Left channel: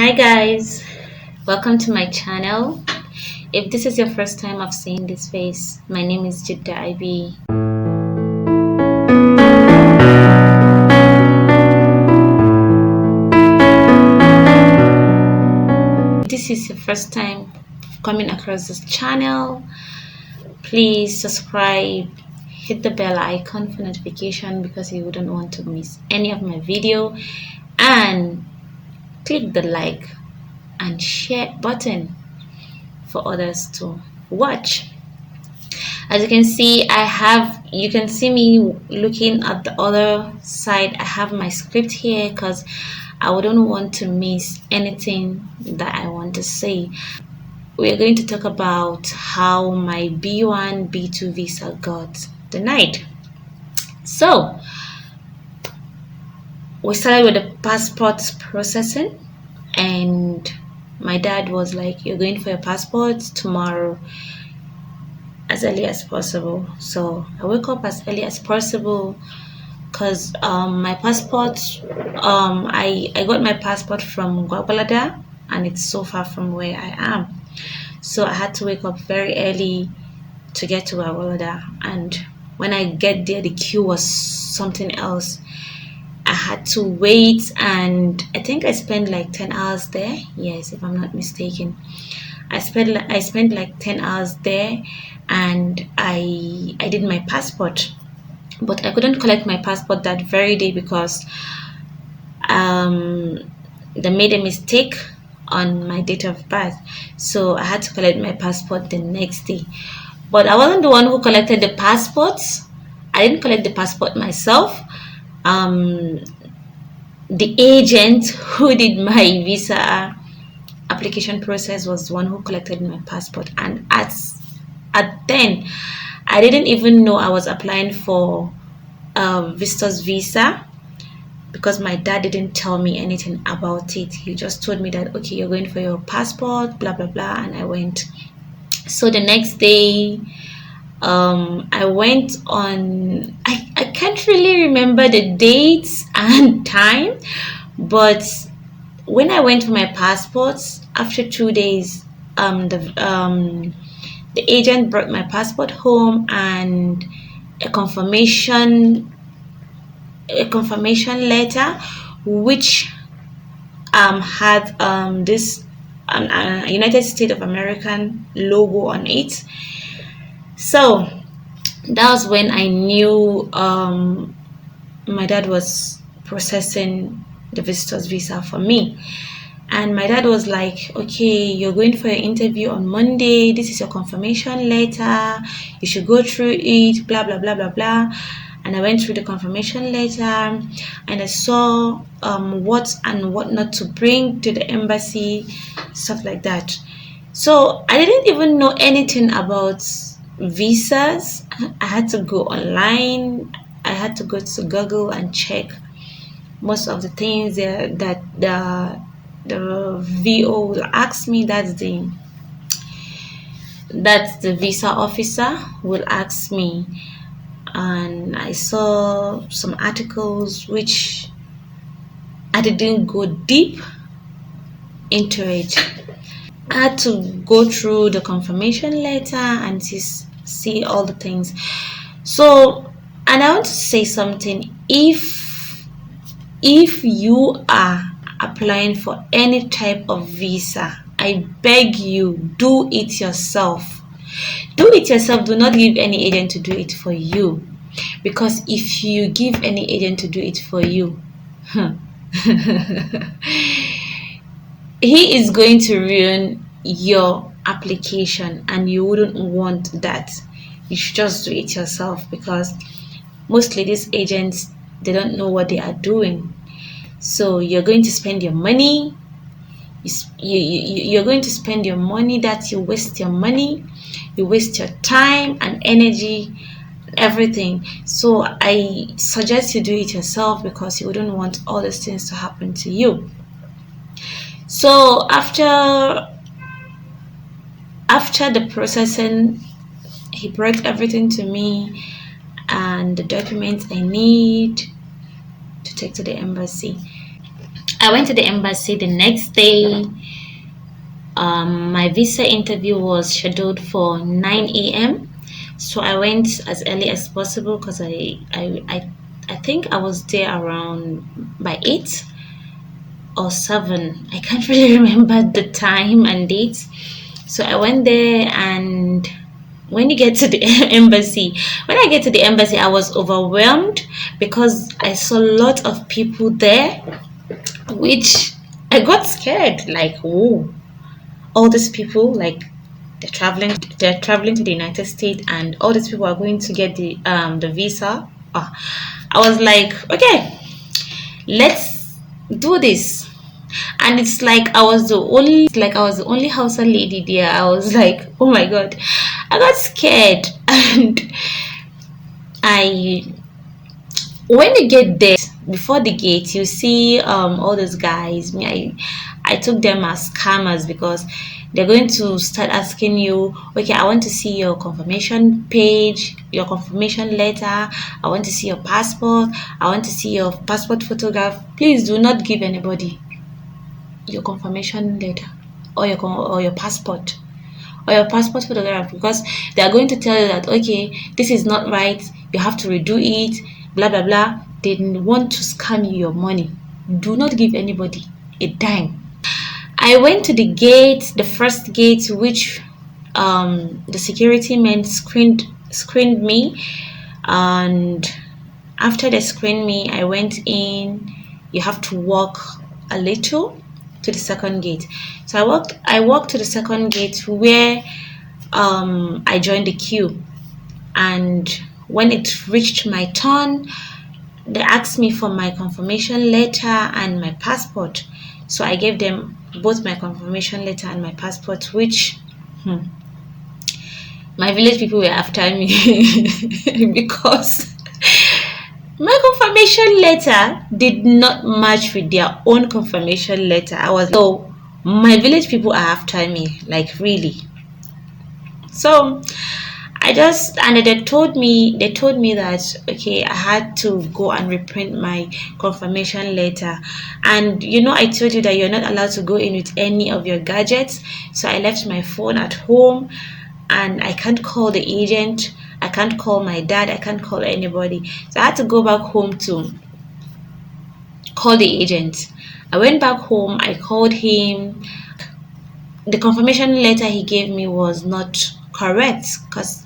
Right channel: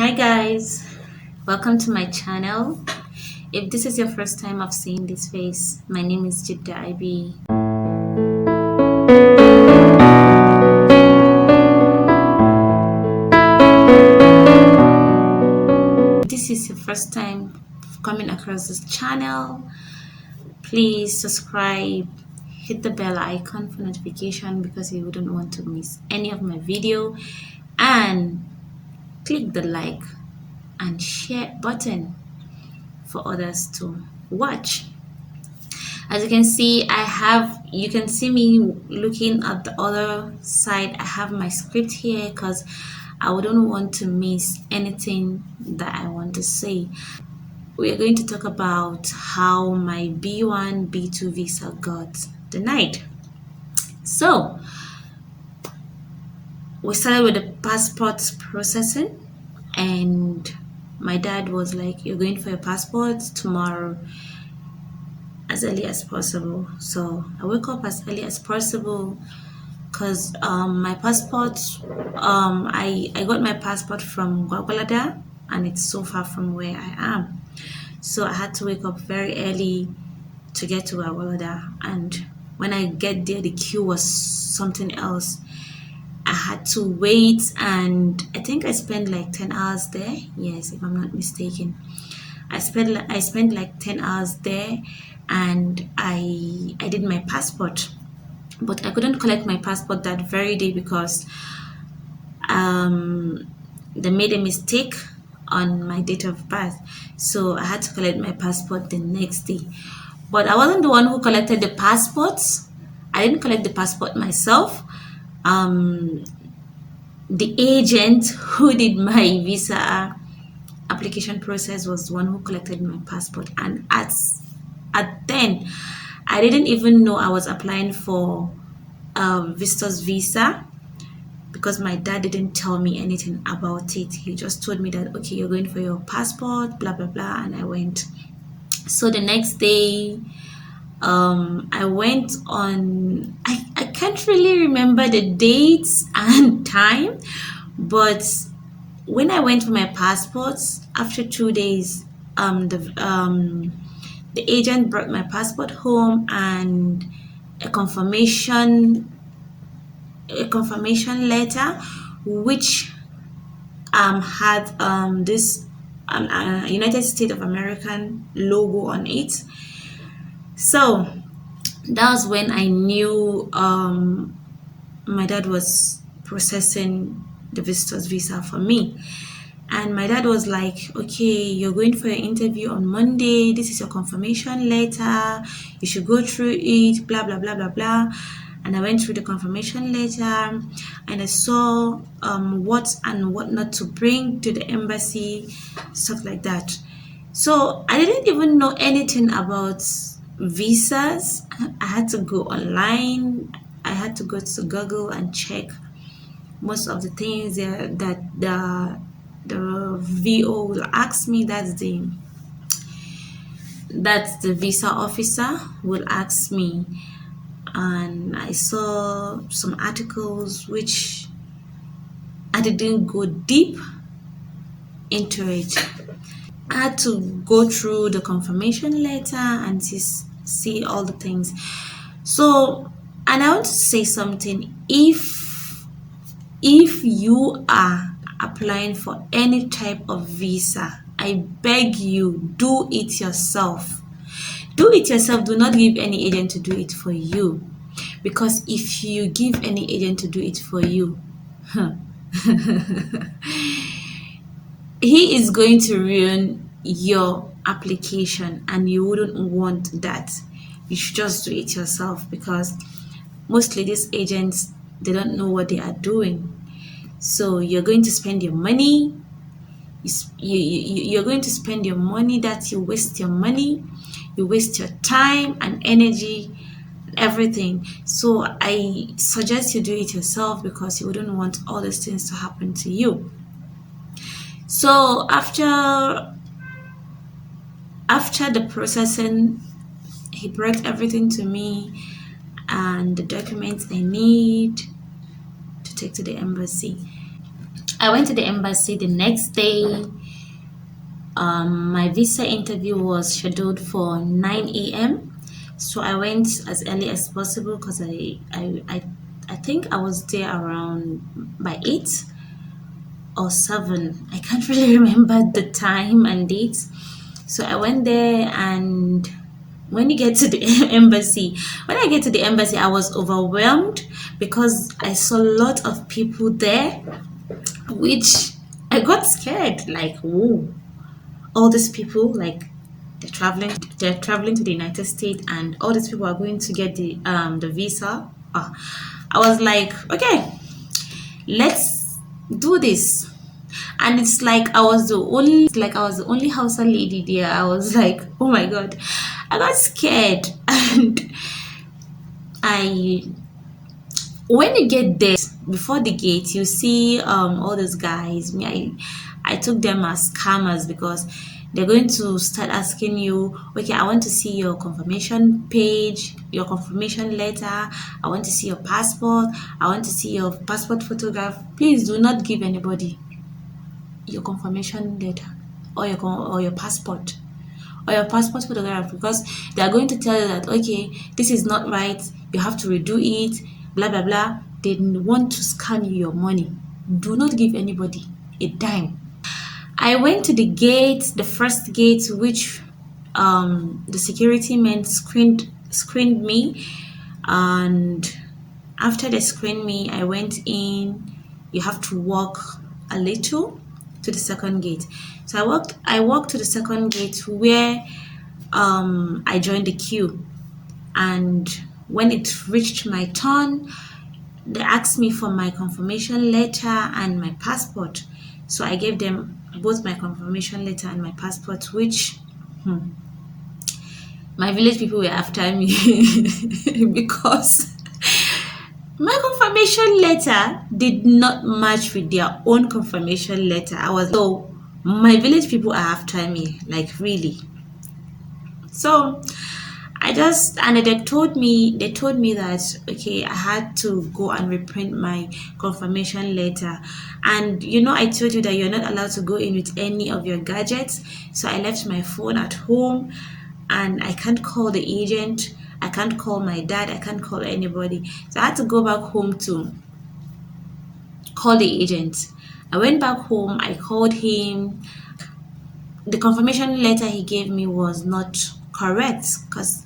Hi guys, welcome to my channel. If this is your first time of seeing this face, my name is Jiddah IB. If this is your first time coming across this channel, please subscribe, hit the bell icon for notification because you wouldn't want to miss any of my video, and click the like and share button for others to watch. As you can see, you can see me looking at the other side. I have my script here because I wouldn't want to miss anything that I want to say. We're going to talk about how my B1 B2 visa got denied. So we started with the passport processing, and my dad was like, "You're going for your passport tomorrow as early as possible." So I woke up as early as possible because my passport, I got my passport from Gwagwalada, and it's so far from where I am. So I had to wake up very early to get to Gwagwalada, and when I get there, the queue was something else. I had to wait, and I think I spent like 10 hours there. Yes, if I'm not mistaken. I spent like 10 hours there, and I did my passport, but I couldn't collect my passport that very day because they made a mistake on my date of birth. So I had to collect my passport the next day. But I wasn't the one who collected the passports. I didn't collect the passport myself. The agent who did my visa application process was the one who collected my passport, and at then I didn't even know I was applying for visitor's visa because my dad didn't tell me anything about it. He just told me that, okay, you're going for your passport, blah blah blah, and I went. So the next day I went on, I can't really remember the dates and time, but when I went for my passports, after 2 days, the agent brought my passport home and a confirmation letter, which had this United States of American logo on it. So that was when I knew my dad was processing the visitor's visa for me. And my dad was like, okay, you're going for your interview on Monday. This is your confirmation letter. You should go through it, blah, blah, blah, blah, blah. And I went through the confirmation letter, and I saw what and what not to bring to the embassy, stuff like that. So I didn't even know anything about visas. I had to go online. I had to go to Google and check most of the things that the VO will ask me. That's the visa officer will ask me. And I saw some articles which I didn't go deep into it. I had to go through the confirmation letter and see all the things. So, and I want to say something. If you are applying for any type of visa, I beg you, do it yourself. Do it yourself. Do not give any agent to do it for you, because if you give any agent to do it for you, he is going to ruin your application, and you wouldn't want that. You should just do it yourself, because mostly these agents, they don't know what they are doing. So you're going to spend your money. You're going to spend your money, that you waste your money, you waste your time and energy, everything. So I suggest you do it yourself, because you wouldn't want all these things to happen to you. So after the processing, he brought everything to me and the documents I need to take to the embassy. I went to the embassy the next day. My visa interview was scheduled for 9 a.m. So I went as early as possible because I think I was there around by 8 or 7. I can't really remember the time and dates. So I went there, and when you get to the embassy, when I get to the embassy, I was overwhelmed because I saw a lot of people there, which I got scared. Like, whoa, all these people, like they're traveling to the United States, and all these people are going to get the visa. I was like, okay, let's do this. And it's like I was the only Hausa lady there. I was like, oh my god, I got scared. And I when you get there, before the gate, you see all those guys. I took them as scammers because they're going to start asking you, okay, I want to see your confirmation page, your confirmation letter, I want to see your passport, I want to see your passport photograph. Please do not give anybody your confirmation letter or your passport or your passport photograph, because they are going to tell you that, okay, this is not right, you have to redo it, blah blah blah. They want to scam you your money. Do not give anybody a dime. I went to the gate, the first gate, which the security men screened me, and after they screened me, I went in. You have to walk a little to the second gate. So I walked to the second gate where I joined the queue. And when it reached my turn, they asked me for my confirmation letter and my passport. So I gave them both my confirmation letter and my passport, which my village people were after me because my confirmation letter did not match with their own confirmation letter. So my village people are after me, like really. So and they told me that, okay, I had to go and reprint my confirmation letter. And I told you that you're not allowed to go in with any of your gadgets. So I left my phone at home, and I can't call the agent, I can't call my dad, I can't call anybody. So I had to go back home to call the agent. I went back home, I called him. The confirmation letter he gave me was not correct because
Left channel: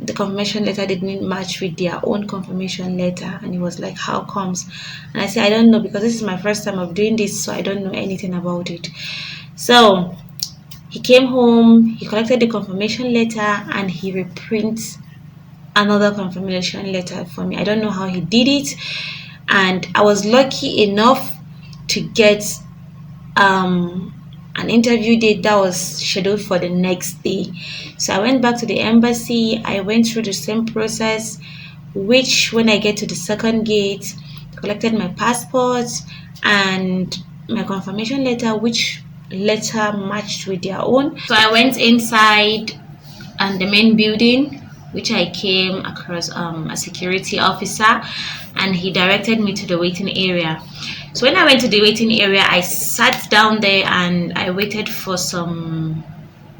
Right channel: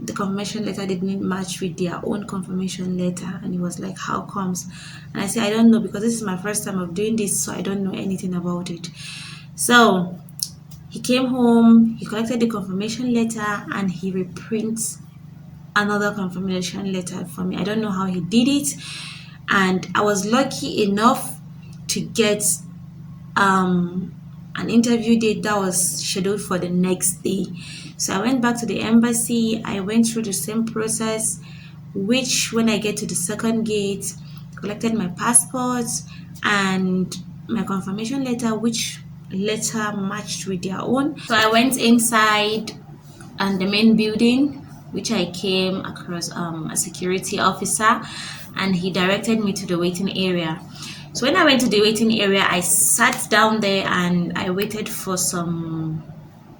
the confirmation letter didn't match with their own confirmation letter. And he was like, how comes? And I said, I don't know, because this is my first time of doing this, so I don't know anything about it. So he came home, he collected the confirmation letter, and he reprints another confirmation letter for me. I don't know how he did it. And I was lucky enough to get an interview date that was scheduled for the next day. So I went back to the embassy. I went through the same process, which when I get to the second gate, collected my passport and my confirmation letter, which letter matched with their own. So I went inside and the main building, which I came across a security officer, and he directed me to the waiting area. So when I went to the waiting area, I sat down there and I waited for some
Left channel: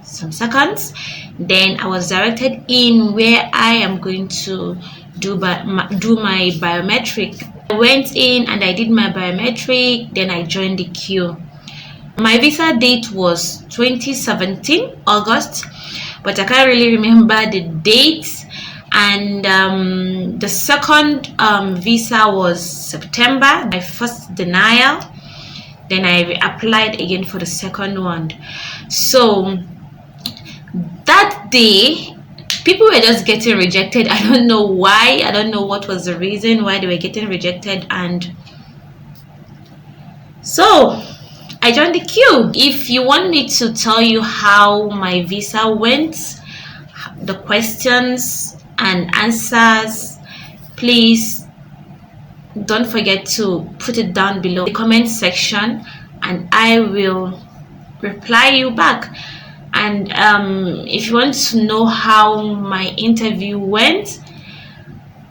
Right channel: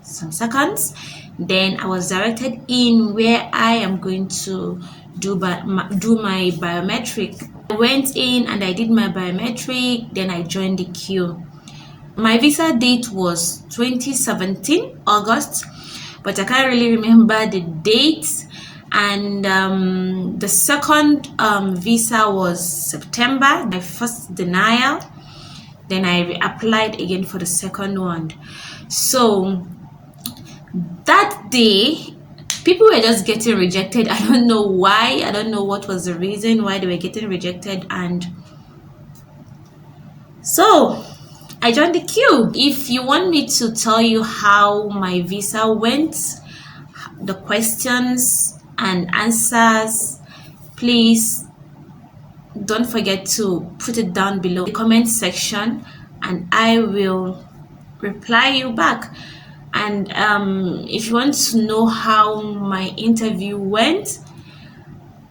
seconds. Then I was directed in where I am going to do my biometric. I went in and I did my biometric. Then I joined the queue. My visa date was 2017 August, but I can't really remember the date. And the second visa was September, my first denial. Then I applied again for the second one. So that day, people were just getting rejected. I don't know why. I don't know what was the reason why they were getting rejected. And so I joined the queue. If you want me to tell you how my visa went, the questions and answers, please don't forget to put it down below in the comment section, and I will reply you back. And if you want to know how my interview went,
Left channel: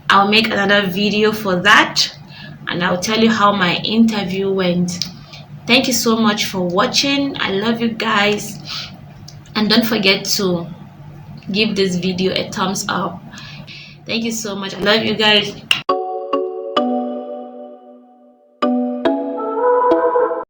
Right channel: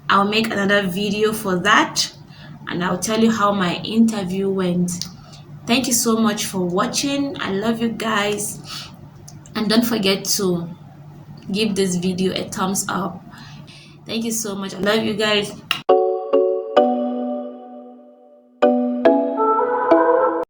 I'll make another video for that, and I'll tell you how my interview went. Thank you so much for watching. I love you guys, and don't forget to give this video a thumbs up. Thank you so much. I love you guys.